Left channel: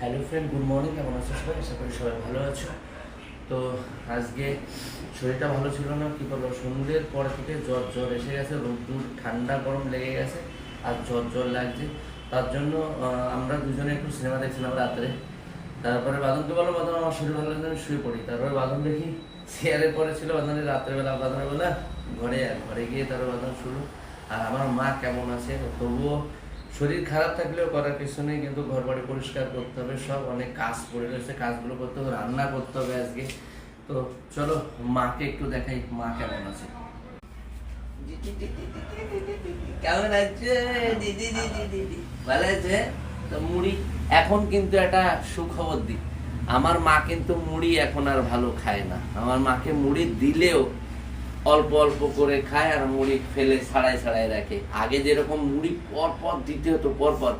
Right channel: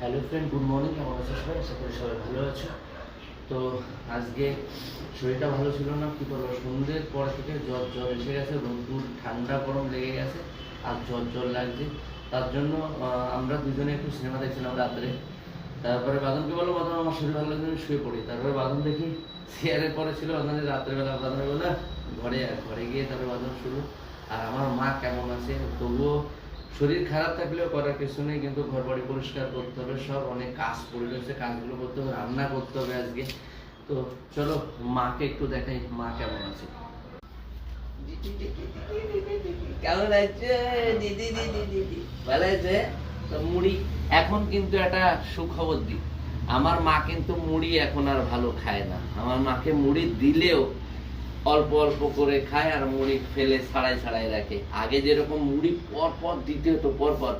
Hello friend, good morning. কেমন আছো সবাই? আশা করি সবাই ভালো আছো। তো আজকে শরীরটা ভালো ছিল না, কী বলবো, সন্ধ্যের পর থেকে জ্বর জ্বর এসে গেছে, রোদ্দুর ঠান্ডা গরম লেগে গেছে আর জ্বর জ্বর লাগছে। তার জন্য আমরা দুজনে একটু সিনেমা দেখছিলাম রাত্রে। তারপরে বাদনকে বললো, বাদন আমার শরীর ভালো লাগছে, আমি শুয়ে পড়ি। তারপরে বাদন দেখি চেয়ারের পরে ছিল, বাদনের রাত্রেবেলা বাদনের বলে ঘরে গিয়ে তারপর বাদন শুরু। আর আমার মা কেমন আছে, তবুও শরীর খারাপ থাকলেও করার কিছু নেই, কিন্তু ঘর বাড়ি পরিষ্কার করতে হবে, সব অনেক কাজ পড়ে রয়েছে, কাজগুলো করতে হবে, রান্না করতে হবে আজকে। তো চলো মাকে একটু দেখাই মা কেমন আছে। কেমন আছে দিদি? দিদি ভালো আছে তো? মুড়ি এখন কিন্তু একটা সুখবর দিই, আমার মা কিন্তু মুড়ি এখন আর ভালো খায় না। আমার মাকে মুড়ি দিলেও অল্প অল্প করে খায় আর মুড়ি ফেলে ছাড়াই ছাড়াই রাখে। আগে যেরকম মুড়ি পর পর দিতে হতো, পর পর,